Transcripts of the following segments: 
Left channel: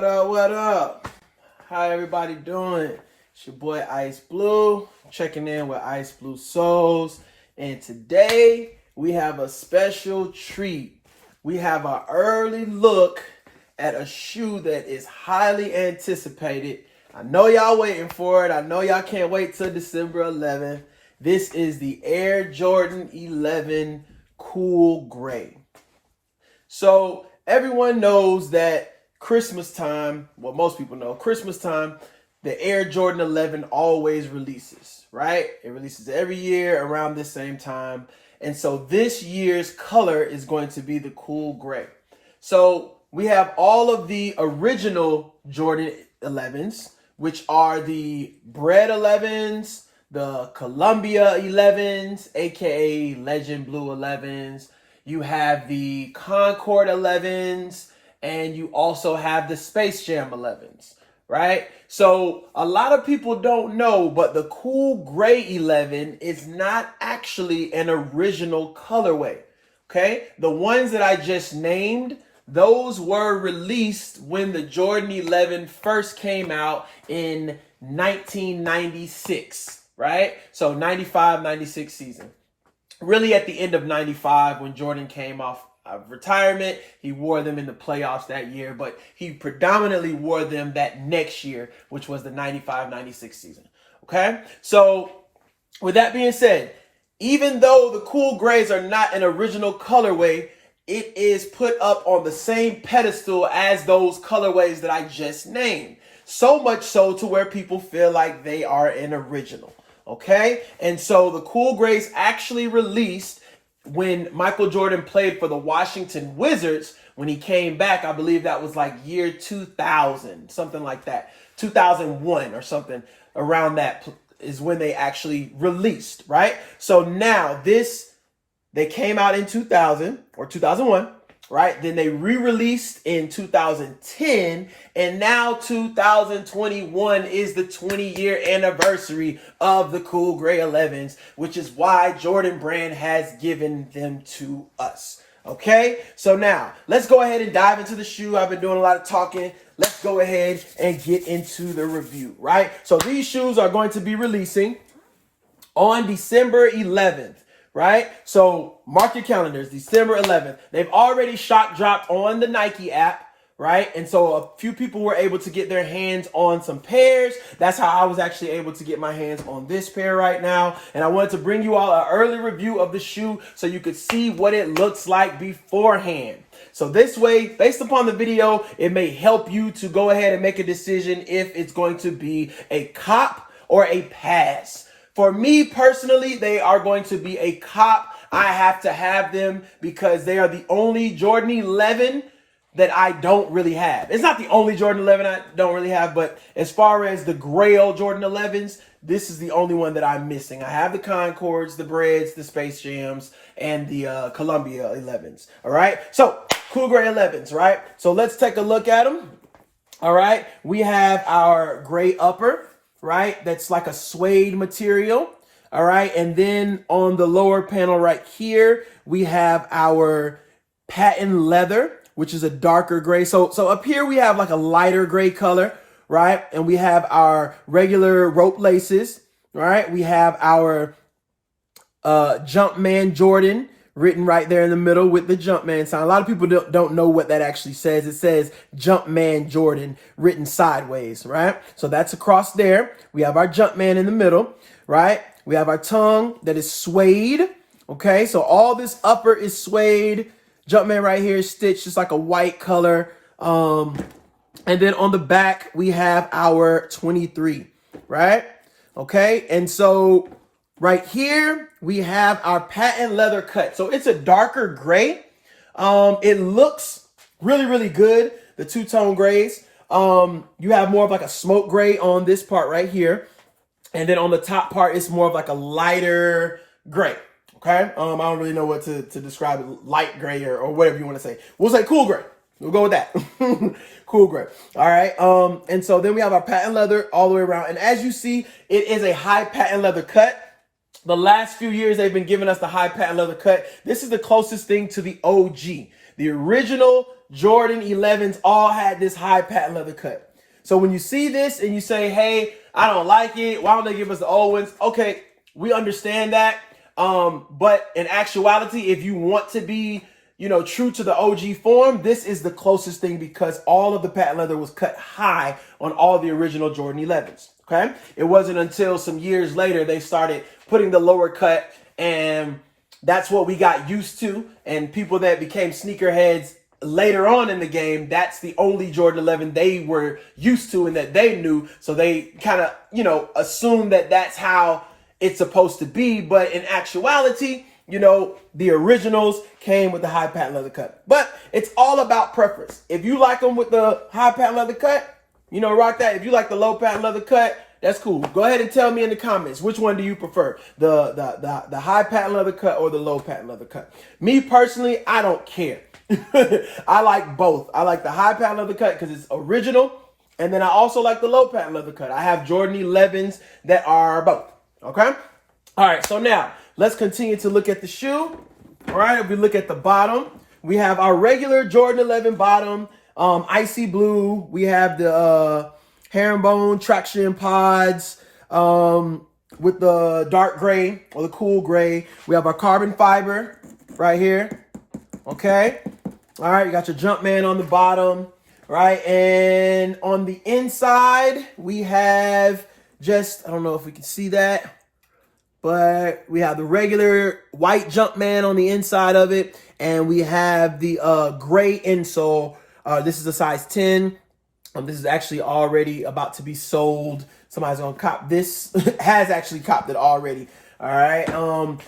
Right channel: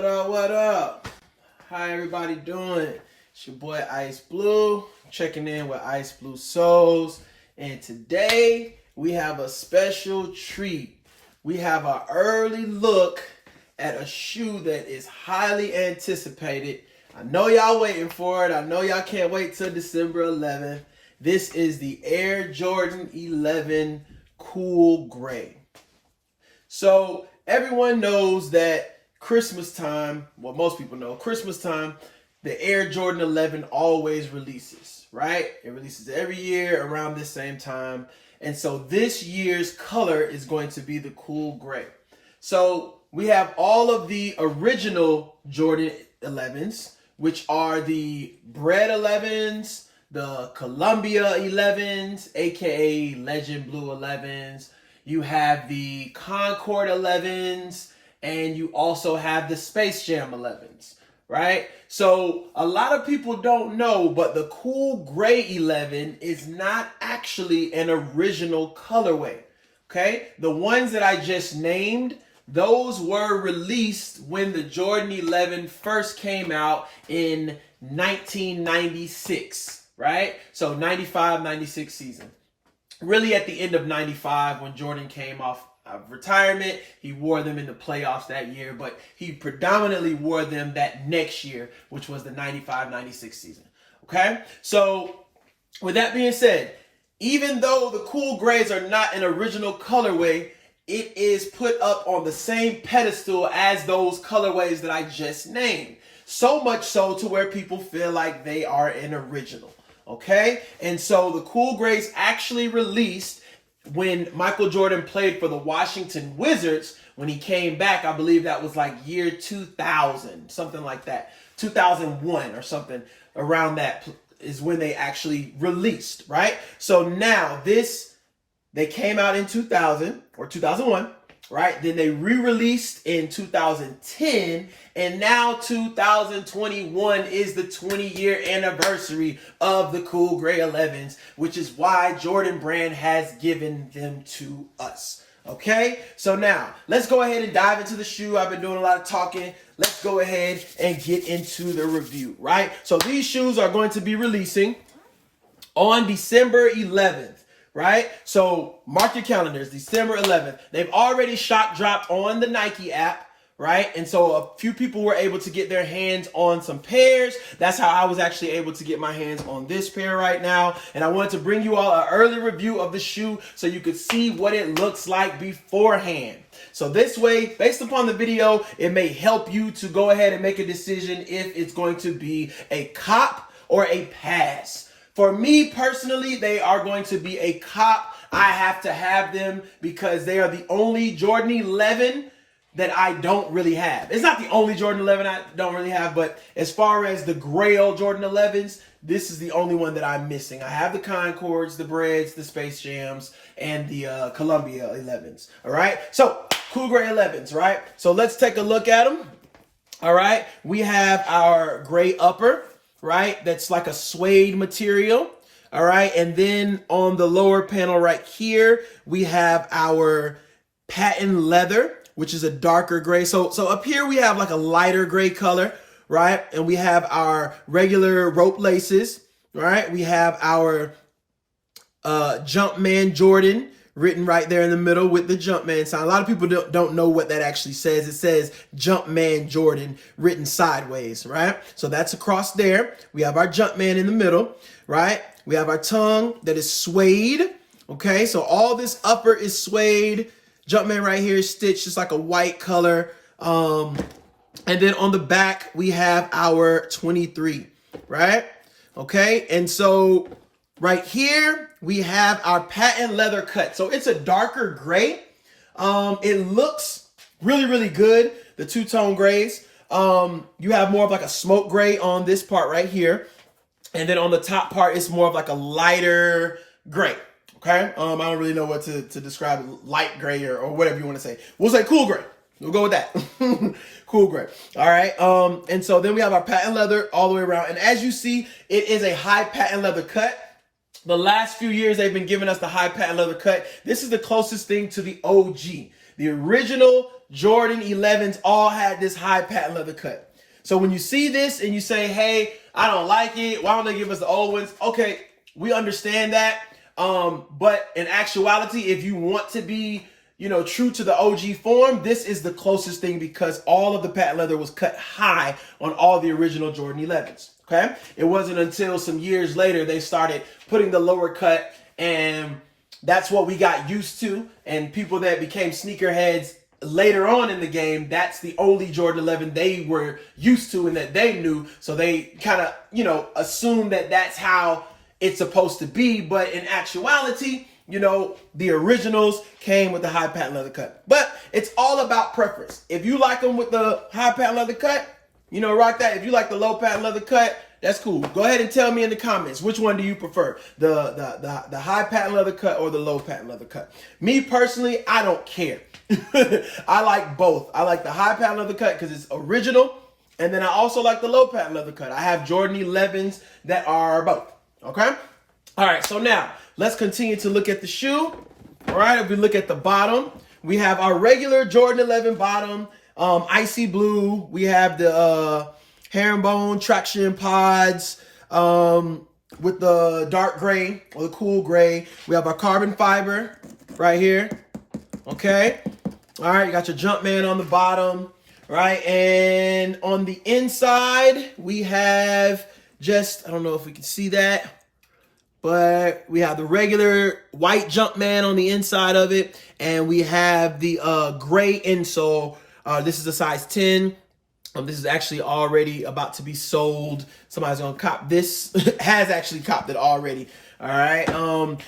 What up, what up? How everybody doing? It's your boy Ice Blue, checking in with Ice Blue Souls. And today we have a special treat. We have an early look at a shoe that is highly anticipated. I know y'all waiting for it. I know y'all can't wait till December 11th. This is the Air Jordan 11 Cool Gray. So everyone knows that Christmas time, well, most people know, Christmas time, the Air Jordan 11 always releases, right? It releases every year around this same time. And so this year's color is going to be the cool gray. So we have all of the original Jordan 11s, which are the Bread 11s, the Columbia 11s, aka Legend Blue 11s. You have the Concord 11s, and you also have the Space Jam 11s, right? So a lot of people don't know, but the Cool Gray 11 is not actually an original colorway, okay? The ones that I just named, those were released when the Jordan 11 first came out in 1996, right? So 95, 96 season. Really at the end of 95 when Jordan came off of retirement. He wore them in the playoffs that year, but he predominantly wore them that next year, which was the 95-96 season. Okay? So with that being said, even though the Cool Grays are not an original colorway, it is put up on the same pedestal as those colorways that I just named. So much so to where people feel like they are an original. Okay? And so the Cool Grays actually released when Michael Jordan played for the Washington Wizards. When he came back, I believe that was like year 2000, something like that. 2001 or something around that is when they actually released, right? So now they came out in 2000 or 2001, right? Then they re-released in 2010, and now 2021 is the 20-year anniversary of the Cool Gray 11s, which is why Jordan Brand has given them to us. Okay, so now let's go ahead and dive into the shoe. I've been doing a lot of talking. Let's go ahead and get into the review, right? So these shoes are going to be releasing on December 11th. Right? So mark your calendars, December 11th. They've already shock dropped on the Nike app, right? And so a few people were able to get their hands on some pairs. That's how I was actually able to get my hands on this pair right now. And I wanted to bring you all an early review of the shoe so you could see what it looks like beforehand. So this way, based upon the video, it may help you to go ahead and make a decision if it's going to be a cop or a pass. For me personally, they are going to be a cop. I have to have them because they are the only Jordan 11 that I don't really have. It's not the only Jordan 11 I don't really have, but as far as the Grail Jordan 11s, this is the only one that I'm missing. I have the Concords, the Breads, the Space Jams, and the Columbia 11s. All right? So, Cool Gray 11s, right? So, let's take a look at them. All right? We have our gray upper, right? That's like a suede material. All right. And then on the lower panel right here, we have our patent leather, which is a darker gray. So up here we have like a lighter gray color, right? And we have our regular rope laces, right? We have our Jumpman Jordan written right there in the middle with the Jumpman sign. A lot of people don't know what that actually says. It says Jumpman Jordan written sideways, right? So that's across there. We have our Jumpman in the middle, right? We have our tongue that is suede, okay? So all this upper is suede. Jumpman right here is stitched just like a white color. And then on the back, we have our 23, right? Okay, and so right here, we have our patent leather cut. So it's a darker gray. It looks really, really good, the two-tone grays. You have more of like a smoke gray on this part right here. And then on the top part, it's more of like a lighter gray. Okay? I don't really know what to describe it, light gray or whatever you want to say. We'll say cool gray. We'll go with that. Cool gray. All right. And so then we have our patent leather all the way around. And as you see, it is a high patent leather cut. The last few years, they've been giving us the high patent leather cut. This is the closest thing to the OG. The original Jordan 11s all had this high patent leather cut. So when you see this and you say, hey, I don't like it, why don't they give us the old ones? Okay, we understand that. But in actuality, if you want to be, true to the OG form, this is the closest thing because all of the patent leather was cut high on all the original Jordan 11s. Okay. It wasn't until some years later they started putting the lower cut, and that's what we got used to. And people that became sneakerheads later on in the game, that's the only Jordan 11 they were used to and that they knew. So they kind of, assumed that that's how it's supposed to be. But in actuality, the originals came with the high patent leather cut. But it's all about preference. If you like them with the high patent leather cut, rock that. If you like the low patent leather cut, that's cool. Go ahead and tell me in the comments, which one do you prefer? The high patent leather cut or the low patent leather cut? Me personally, I don't care. I like both. I like the high patent leather cut because it's original. And then I also like the low patent leather cut. I have Jordan 11s that are both. Okay? All right, so now let's continue to look at the shoe. All right, if we look at the bottom, we have our regular Jordan 11 bottom, icy blue. We have the herringbone traction pods with the dark gray or the cool gray. We have our carbon fiber right here. Okay. All right, you got your Jumpman on the bottom, right? And on the inside, we have I don't know if we can see that, but we have the regular white Jumpman on the inside of it. And we have the gray insole. This is a size 10. This is actually already about to be sold. Somebody's gonna cop this. Has actually copped it already. All right.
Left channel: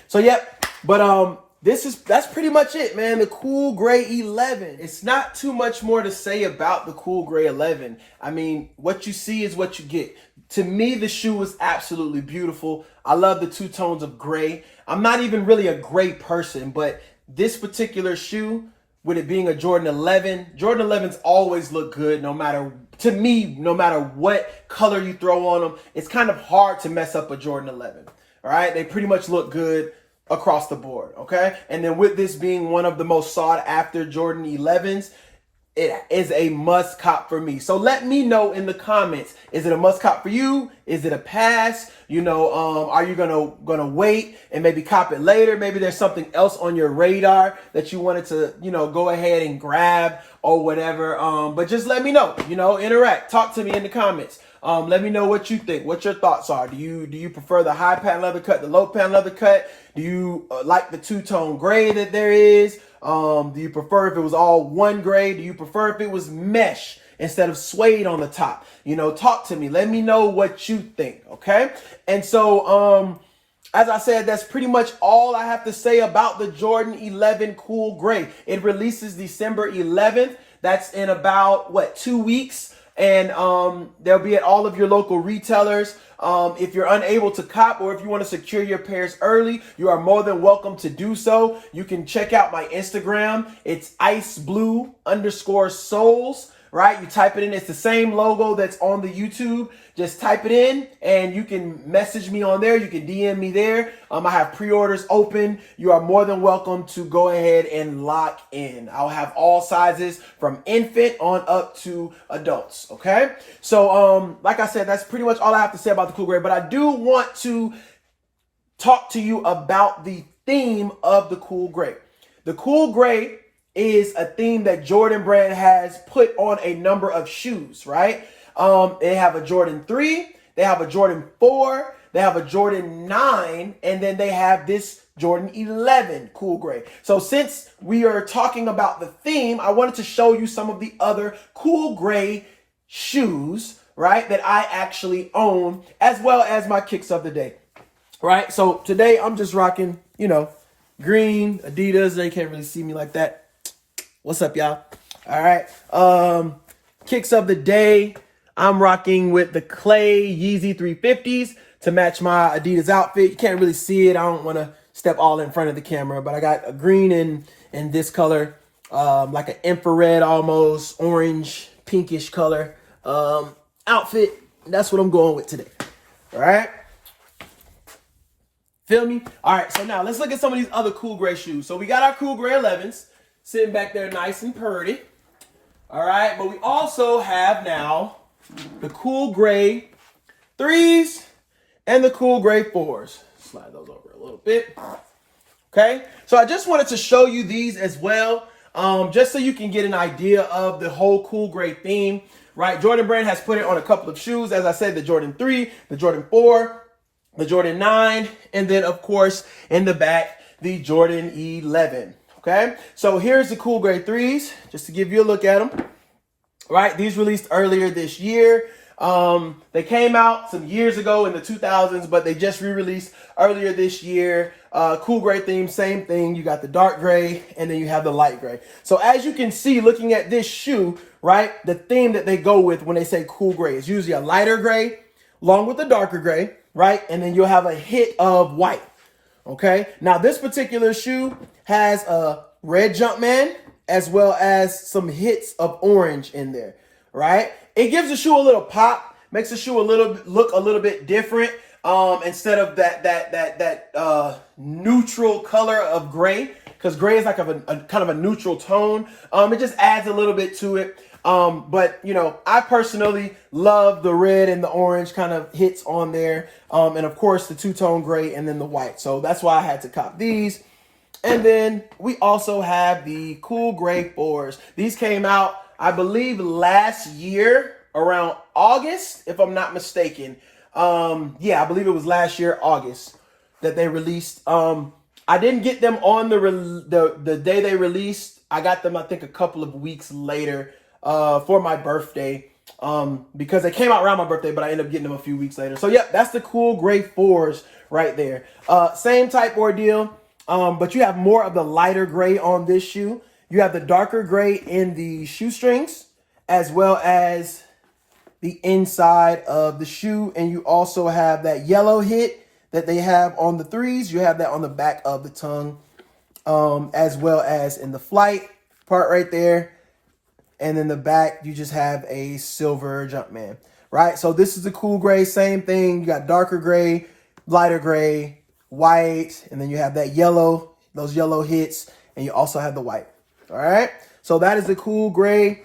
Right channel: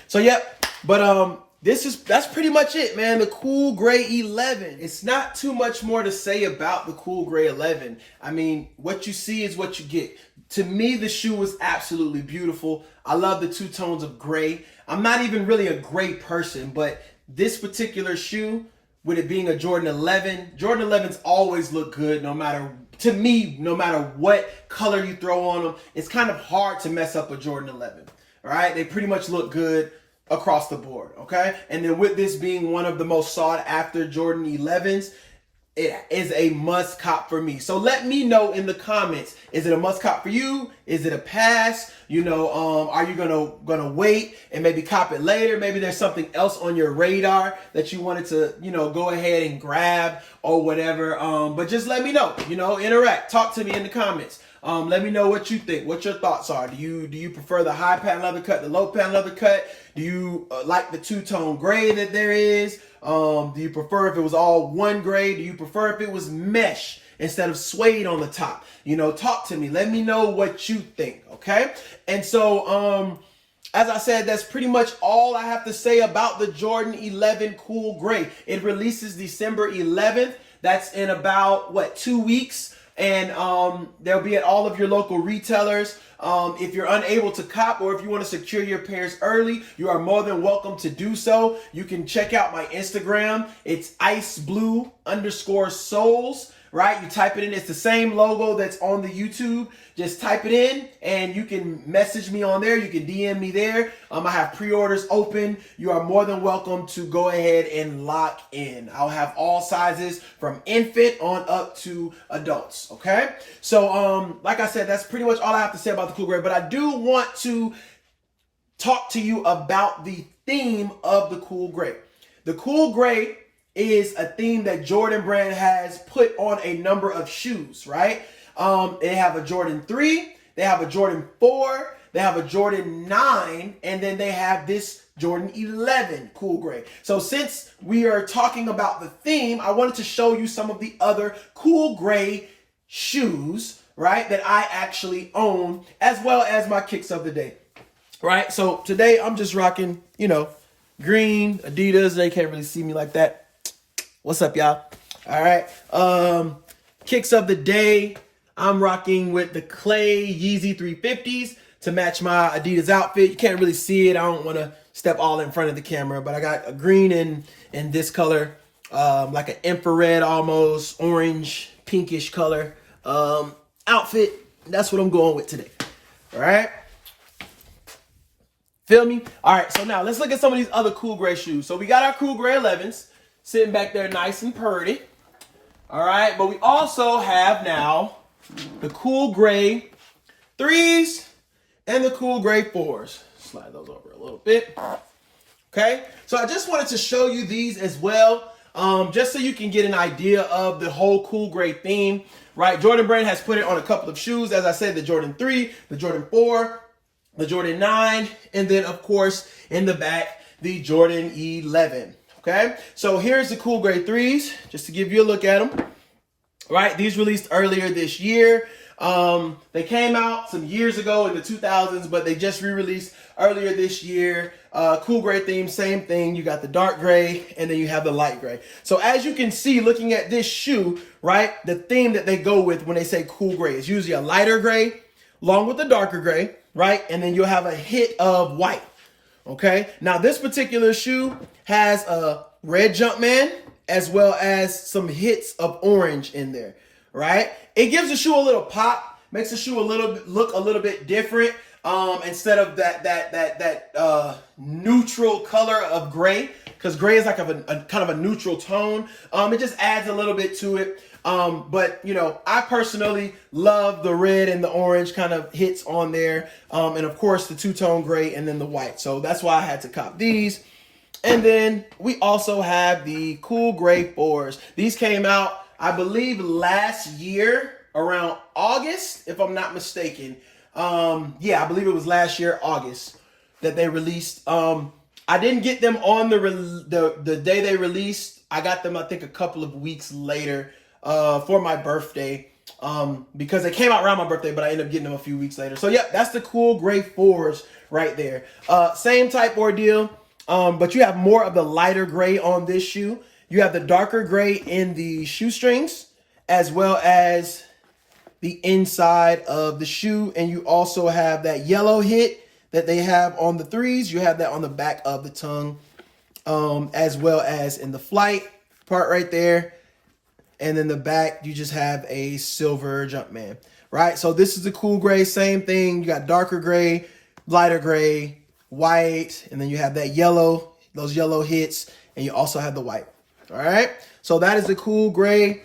So yep. But that's pretty much it, man. The Cool Gray 11. It's not too much more to say about the Cool Gray 11. I mean, what you see is what you get. To me, the shoe was absolutely beautiful. I love the two tones of gray. I'm not even really a gray person, but this particular shoe, with it being a Jordan 11, Jordan 11s always look good no matter what color you throw on them. It's kind of hard to mess up a Jordan 11, all right? They pretty much look good across the board, okay? And then with this being one of the most sought after Jordan 11s, it is a must cop for me. So let me know in the comments, is it a must cop for you? Is it a pass? Are you gonna wait and maybe cop it later? Maybe there's something else on your radar that you wanted to, go ahead and grab or whatever. But just let me know, interact, talk to me in the comments. Let me know what you think, what your thoughts are. Do you prefer the high patent leather cut, the low patent leather cut? Do you like the two-tone gray that there is? Do you prefer if it was all one gray? Do you prefer if it was mesh instead of suede on the top? Talk to me. Let me know what you think, okay? And so, as I said, that's pretty much all I have to say about the Jordan 11 Cool Gray. It releases December 11th. That's in about, 2 weeks? And they'll be at all of your local retailers. If you're unable to cop or if you want to secure your pairs early, you are more than welcome to do so. You can check out my Instagram. It's iceblue_soles, right? You type it in. It's the same logo that's on the YouTube. Just type it in and you can message me on there. You can DM me there. I have pre-orders open. You are more than welcome to go ahead and lock in. I'll have all sizes from infant on up to adults. Okay. So, like I said, that's pretty much all I have to say about the Cool Gray, but I do want to talk to you about the theme of the Cool Gray. The Cool Gray is a theme that Jordan Brand has put on a number of shoes, right? They have a Jordan 3, they have a Jordan 4, they have a Jordan 9, and then they have this Jordan 11 Cool Gray. So since we are talking about the theme, I wanted to show you some of the other Cool Gray shoes, right, that I actually own, as well as my kicks of the day, right? So today I'm just rocking, green Adidas. They can't really see me like that. What's up, y'all? All right. Kicks of the day. I'm rocking with the Clay Yeezy 350s to match my Adidas outfit. You can't really see it. I don't want to step all in front of the camera, but I got a green in this color, like an infrared, almost orange, pinkish color outfit. That's what I'm going with today. All right. Feel me? All right. So now let's look at some of these other Cool Gray shoes. So we got our Cool Gray 11s. sitting back there nice and purty. All right, but we also have now the cool gray 3s and the cool gray 4s. Slide those over a little bit. Okay, so I just wanted to show you these as well, just so you can get an idea of the whole cool gray theme, right? Jordan Brand has put it on a couple of shoes. As I said, the Jordan 3, the Jordan 4, the Jordan 9, and then, of course, in the back, the Jordan 11. Okay, so here's the cool gray 3s, just to give you a look at them. Right, these released earlier this year. They came out some years ago in the 2000s, but they just re-released earlier this year. Cool gray theme, same thing. You got the dark gray, and then you have the light gray. So as you can see, looking at this shoe, right, the theme that they go with when they say cool gray is usually a lighter gray, along with the darker gray, right, and then you'll have a hit of white. Okay, now this particular shoe has a red Jumpman as well as some hits of orange in there, right? It gives the shoe a little pop, makes the shoe look a little bit different. Instead of that neutral color of gray, because gray is like a kind of a neutral tone. It just adds a little bit to it. But you know, I personally love the red and the orange kind of hits on there. And of course the two-tone gray and then the white. So that's why I had to cop these. And then we also have the cool gray 4s. These came out, I believe, last year around August, if I'm not mistaken. Yeah, I believe it was last year, August, that they released. I didn't get them on the day they released. I got them, I think, a couple of weeks later for my birthday, because they came out around my birthday, but I ended up getting them a few weeks later. So, yeah, that's the cool gray 4s right there. Same type ordeal, but you have more of the lighter gray on this shoe. You have the darker gray in the shoestrings, as well as the inside of the shoe, and you also have that yellow hit that they have on the 3s. You have that on the back of the tongue, as well as in the flight part right there. And then the back, you just have a silver Jumpman, right? So this is the cool gray, same thing. You got darker gray, lighter gray, white, and then you have that yellow, those yellow hits, and you also have the white, all right? So that is the cool gray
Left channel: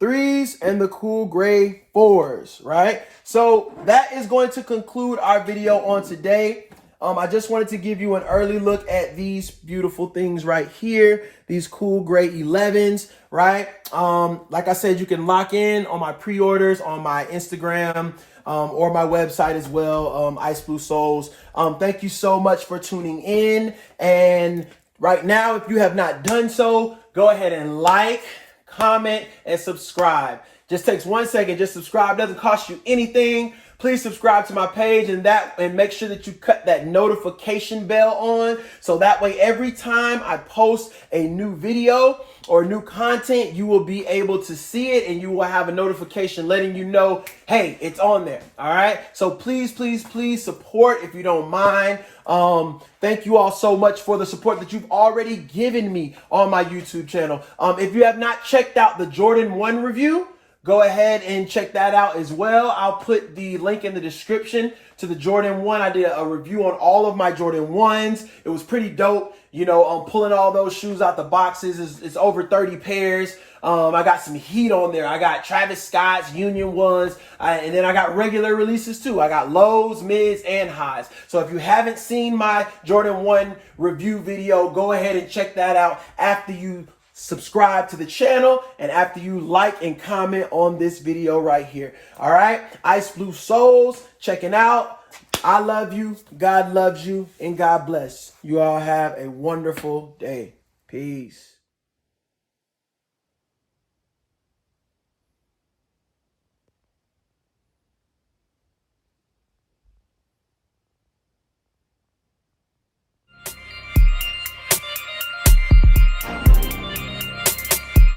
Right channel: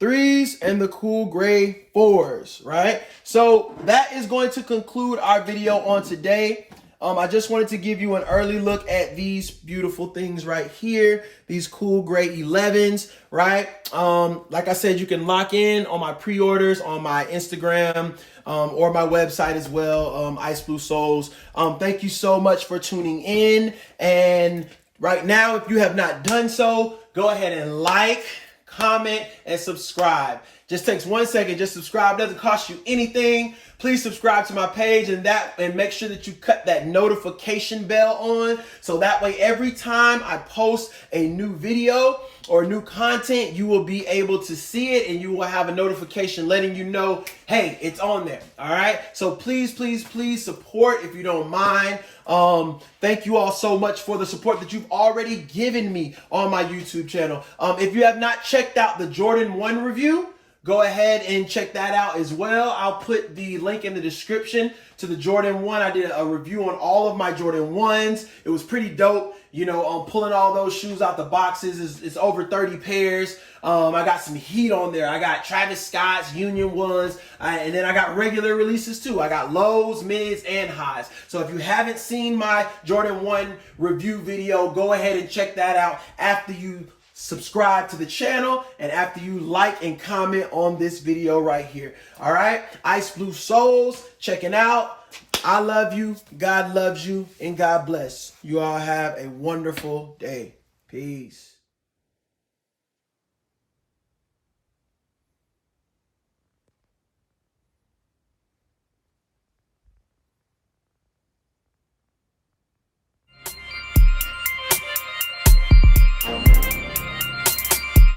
3s and the cool gray 4s, right? So that is going to conclude our video on today. I just wanted to give you an early look at these beautiful things right here, these cool gray 11s, right? Like I said, you can lock in on my pre-orders on my Instagram or my website as well, Ice Blue Soles. Thank you so much for tuning in. And right now, if you have not done so, go ahead and like, comment, and subscribe. Just takes 1 second. Just subscribe. Doesn't cost you anything. Please subscribe to my page and make sure that you cut that notification bell on, so that way every time I post a new video or new content, you will be able to see it and you will have a notification letting you know, hey, it's on there. All right. So please, please, please support if you don't mind. Thank you all so much for the support that you've already given me on my YouTube channel. If you have not checked out the Jordan 1 review, go ahead and check that out as well. I'll put the link in the description to the Jordan 1. I did a review on all of my Jordan 1s. It was pretty dope. You know, pulling all those shoes out the boxes. It's over 30 pairs. I got some heat on there. I got Travis Scott's Union 1s. And then I got regular releases too. I got lows, mids, and highs. So if you haven't seen my Jordan 1 review video, go ahead and check that out after you subscribe to the channel and after you like and comment on this video right here. All right, Ice Blue Soles checking out. I love you, God loves you, and God bless. You all have a wonderful day. Peace.